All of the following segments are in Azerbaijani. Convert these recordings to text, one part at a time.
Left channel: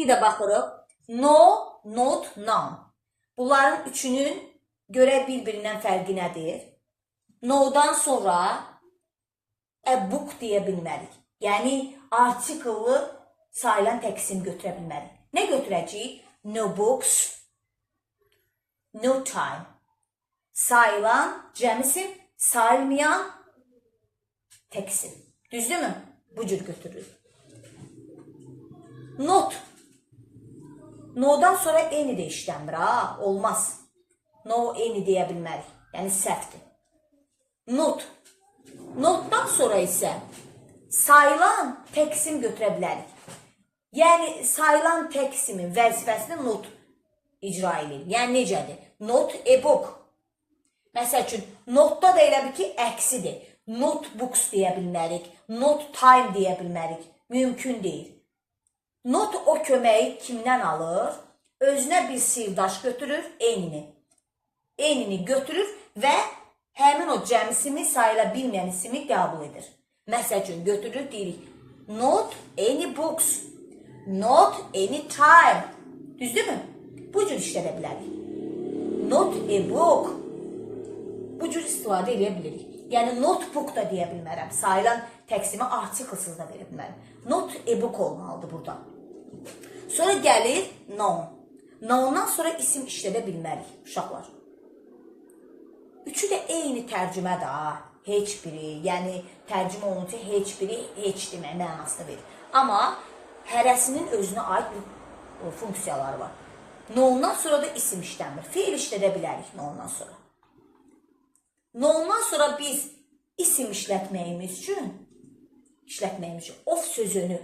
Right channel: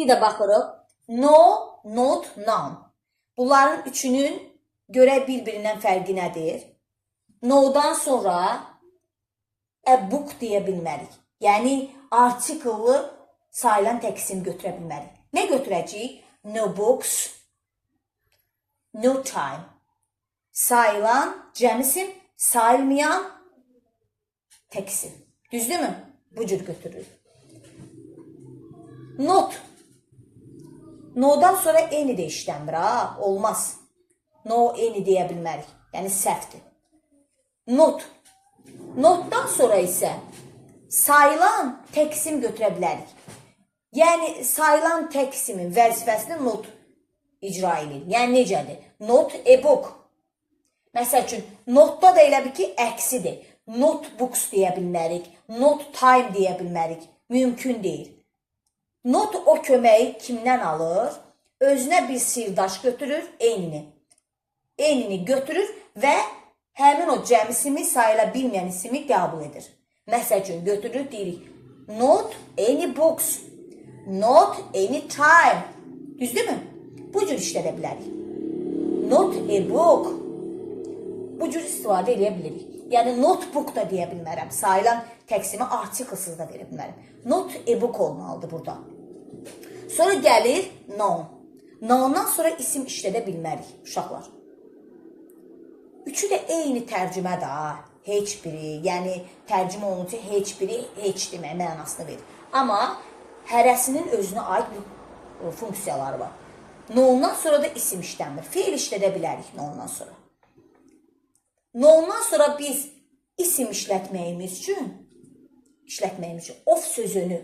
Bir də baxırıq. No, not, noun. Bunların üçünün görə bir-birindən fərqi nədir? No-dan sonra a book deyə bilmərik. Yəni, artikellı sayılan təksim götürə bilmərik. Nə götürəcəyik? No books, no time. Sayılan, cəmisin, sayılmayan təksim. Düzdürmü? Bu cür götürülür. Not. No-dan sonra eni də işləmir, ha? Olmaz. No, eni deyə bilmərik. Yəni, səhvdir. Not. Notdan sonra isə sayılan təksim götürə bilərik. Yəni, sayılan təksimin vəzifəsini not icra edir. Yəni, necədir? Not a book. Məsəl üçün, notda da elə bir ki, əksidir. Notebooks deyə bilmərik. Not time deyə bilmərik. Mümkün deyil. Not o köməyi kimdən alır? Özünə bir sirdaş götürür, enini. Enini götürür və həmin o cəmisini sayıla bilməyən ismi qəbul edir. Məsəl üçün, götürür, deyirik. Not any books. Not any time. Düzdürmü? Bu cür işlədə bilərik. Not a book. Bu cür istifadə edə bilirik. Yəni, notebook da deyə bilmərəm. Sayılan təksimi artiklsız da verə bilmərəm. Not a book olmalıdır burada. Sonra gəlir noun. Noundan sonra isim işlədə bilmərik, uşaqlar. Üçü də eyni tərcümədir. Heç biri, yəni tərcümə olunca heç biri, heç demək mənasını verir. Amma hərəsinin özünə aid bir funksiyaları var. Noundan sonra da isim işləmir. Feil işlədə bilərik noundan sonra. Noundan sonra biz isim işlətməyimiz üçün of sözünü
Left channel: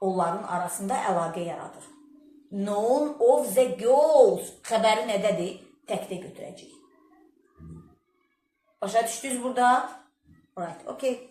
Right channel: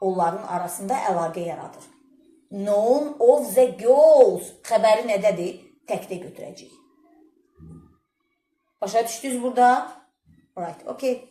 onların arasında əlaqə yaradır. Noun of the girls xəbəri nədədir? Təkdə götürəcəyik. Başa düşdünüz burada? Alright, okay.